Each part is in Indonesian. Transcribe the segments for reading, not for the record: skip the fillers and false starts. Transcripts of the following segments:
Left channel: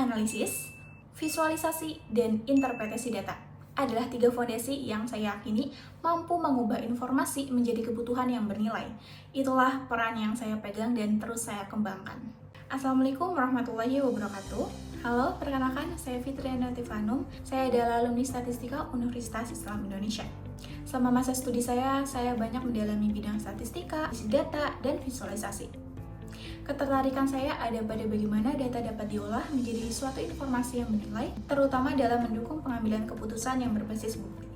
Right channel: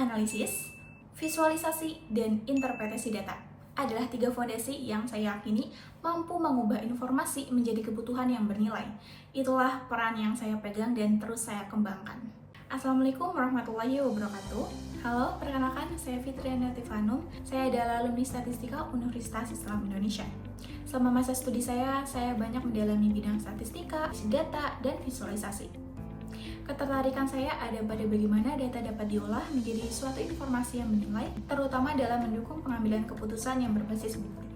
Analisis, visualisasi, dan interpretasi data adalah 3 fondasi yang saya yakini mampu mengubah informasi menjadi kebutuhan yang bernilai. Itulah peran yang saya pegang dan terus saya kembangkan. Assalamualaikum warahmatullahi wabarakatuh. Halo, perkenalkan saya Fitriana Tifanum. Saya adalah alumni Statistika Universitas Islam Indonesia. Selama masa studi saya banyak mendalami bidang statistika, data, dan visualisasi. Ketertarikan saya ada pada bagaimana data dapat diolah menjadi suatu informasi yang bernilai, terutama dalam mendukung pengambilan keputusan yang berbasis bukti.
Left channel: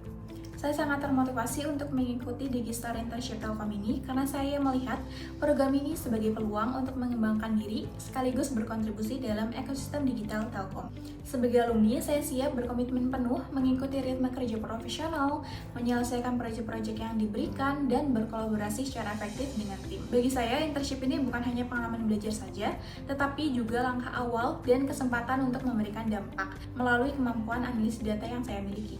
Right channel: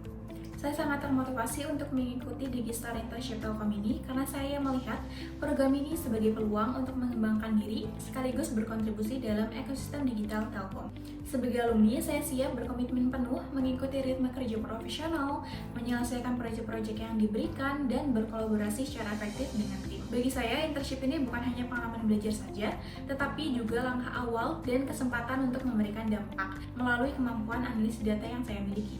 Saya sangat termotivasi untuk mengikuti Digistar Internship Telkom ini karena saya melihat program ini sebagai peluang untuk mengembangkan diri sekaligus berkontribusi dalam ekosistem digital Telkom. Sebagai alumni, saya siap berkomitmen penuh mengikuti ritme kerja profesional, menyelesaikan proyek-proyek yang diberikan, dan berkolaborasi secara efektif dengan tim. Bagi saya, internship ini bukan hanya pengalaman belajar saja, tetapi juga langkah awal dan kesempatan untuk memberikan dampak melalui kemampuan analisis data yang saya miliki.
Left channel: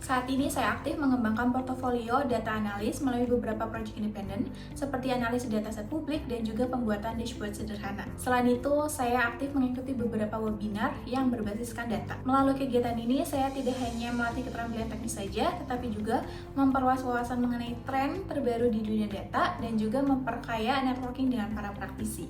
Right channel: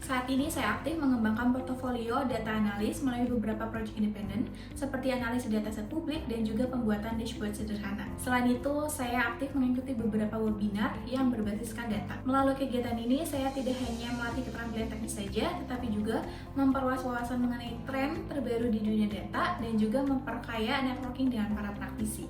Saat ini saya aktif mengembangkan portofolio data analis melalui beberapa proyek independen seperti analisis dataset publik dan juga pembuatan dashboard sederhana. Selain itu, saya aktif mengikuti beberapa webinar yang berbasiskan data. Melalui kegiatan ini, saya tidak hanya melatih keterampilan teknis saja, tetapi juga memperluas wawasan mengenai tren terbaru di dunia data dan juga memperkaya networking dengan para praktisi.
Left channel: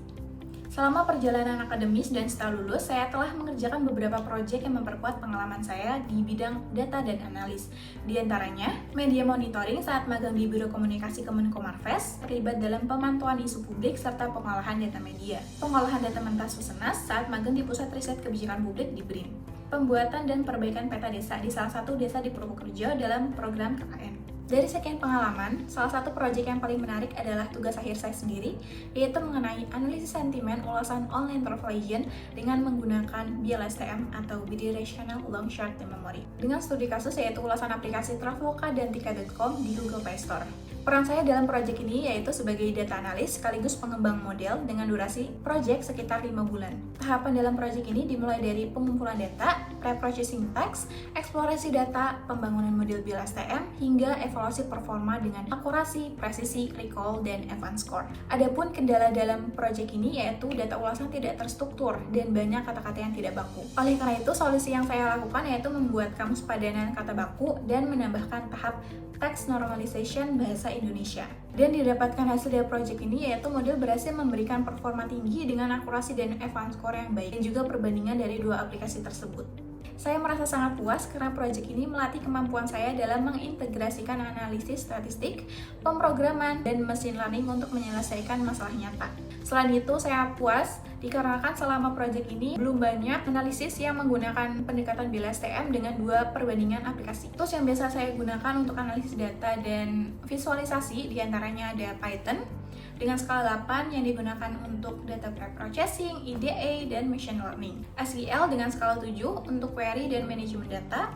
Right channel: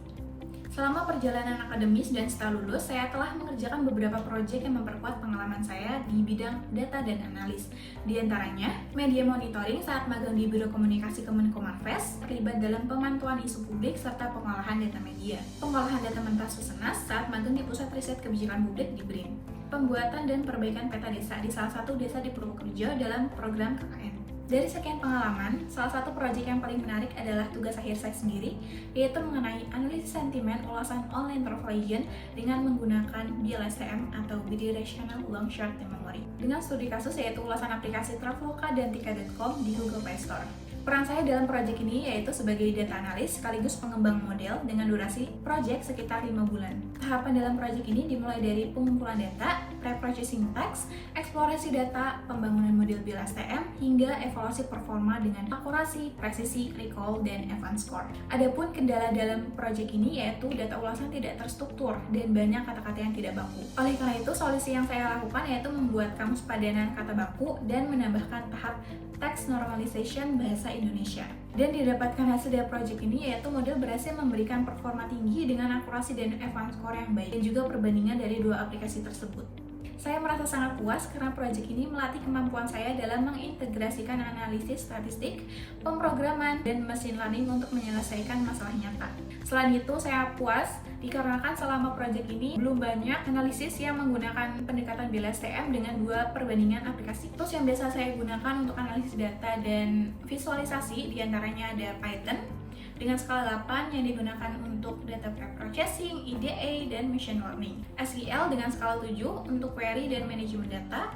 Selama perjalanan akademis dan setelah lulus, saya telah mengerjakan beberapa proyek yang memperkuat pengalaman saya di bidang data dan analis. Di antaranya, media monitoring saat magang di Biro Komunikasi Kemenkomarves, terlibat dalam pemantauan isu publik serta pengolahan data media. Pengolahan data Mentas Susenas saat magang di Pusat Riset Kebijakan Publik di BRIN. Pembuatan dan perbaikan peta desa di salah satu desa di Purwokerto dalam program KKN. Dari sekian pengalaman, salah satu proyek yang paling menarik adalah tugas akhir saya sendiri, yaitu mengenai analisis sentimen ulasan online translation dengan menggunakan BLSTM atau Bidirectional Long Short Term Memory. Dengan studi kasus yaitu ulasan aplikasi Traveloka dan Tika.com di Google Play Store. Peran saya dalam proyek ini yaitu sebagai data analis sekaligus pengembang model dengan durasi proyek sekitar 5 bulan. Tahapan dalam proyek ini dimulai dari pengumpulan data, pre-processing text, eksplorasi data, pembangunan model BLSTM, hingga evaluasi performa dengan akurasi, presisi, recall, dan advance score. Adapun kendala dalam proyek ini yaitu data ulasan tidak terstruktur dan banyak kata-kata yang tidak baku. Oleh karena itu, solusi yang saya lakukan yaitu membuat kamus padanan kata baku dan menambahkan tahap text normalization bahasa Indonesia. Dan didapatkan hasil dari proyek ini yaitu model berhasil memberikan performa tinggi dengan akurasi dan advance score yang baik dan juga perbandingan dari dua aplikasi tersebut. Saya merasa sangat puas karena proyek ini melatih kemampuan saya dalam mengintegrasikan analisis statistik, pemrograman, dan mesin learning untuk menyelesaikan masalah nyata. Selain itu, saya puas dikarenakan selama proyek ini belum banyak analisis yang menggunakan pendekatan BLSTM dengan dua perbandingan aplikasi. Tools yang biasa saya gunakan untuk analisis data dan visualisasi diantaranya ada Python dengan skala 8 yang digunakan untuk data pre-processing, EDA, dan machine learning. SQL dengan skala 7 untuk query dan manajemen data.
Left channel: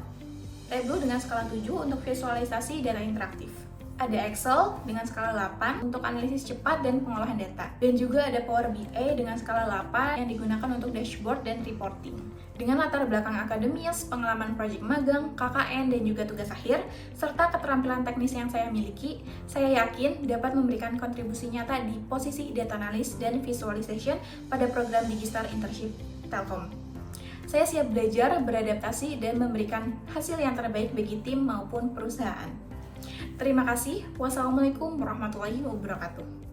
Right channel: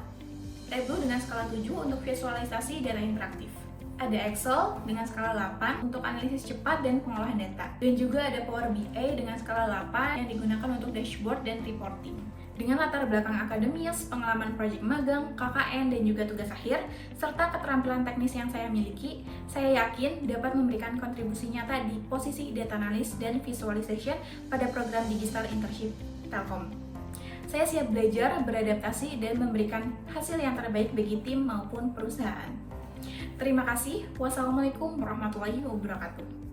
Tableau dengan skala 7 untuk visualisasi data interaktif. Ada Excel dengan skala 8 untuk analisis cepat dan pengolahan data. Dan juga ada Power BI dengan skala 8 yang digunakan untuk dashboard dan reporting. Dengan latar belakang akademis, pengalaman proyek magang, KKN, dan juga tugas akhir, serta keterampilan teknis yang saya miliki, saya yakin dapat memberikan kontribusi nyata di posisi data analis dan visualization pada program Digistar Internship Telkom. Saya siap belajar, beradaptasi, dan memberikan hasil yang terbaik bagi tim maupun perusahaan. Terima kasih. Wassalamualaikum warahmatullahi wabarakatuh.